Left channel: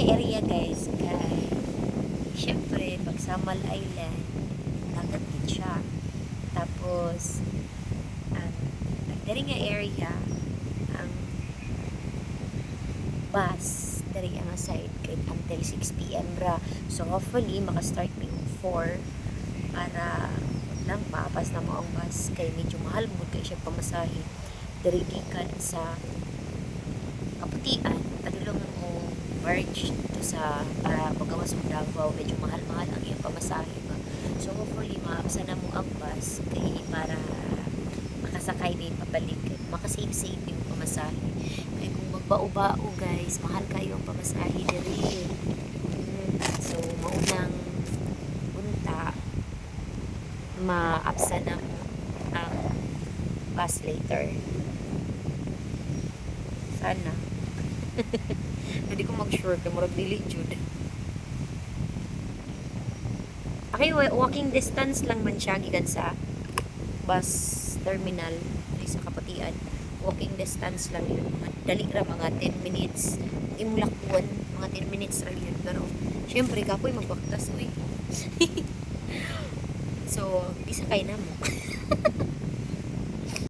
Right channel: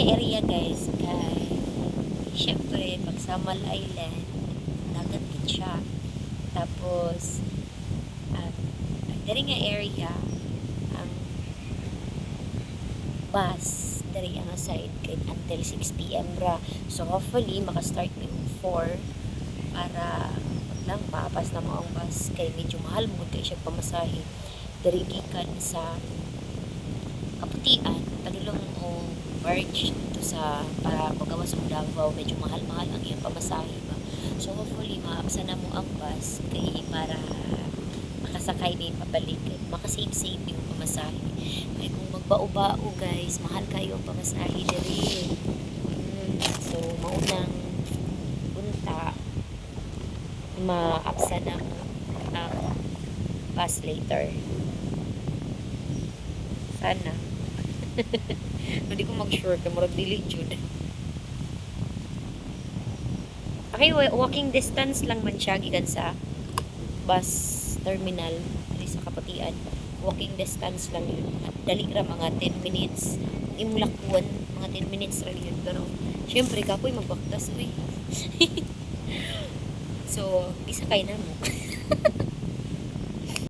nga area guys kay syempre pag Samal Island dagat gid siya. Tapos diri nga area ang bus diri ang side kay until 6 PM ra. So hopefully maka-start mi og 4 para wag lang maapas na mo ang bus kay medyo mahal mo kay siya pamasahe diri gikan sa Kaputian tagilong o barge dito sa para pagawas og Davao medyo mahal-mahal ang iyang pamasahe ba. So hopefully maapsa na mo ang bus kay para makasakay din pabalik kay makasave-save yung pamasahe. Kay kung magbao-bao guys, mahal kayo ang pamasahe diri. So maunang punta maapsa na mo ang bus later. Sana. Hindi ko mag-sure kay murag dili jud. Okay, walking distance lang man siya gikan sa bus terminal diri sa Kaputian. Walking distance lang yun. Dali ra mga 10 minutes. Imulakon mga 10 minutes ra yun. Pero syempre kapoy magbaktas uy. So, isa kay na mo.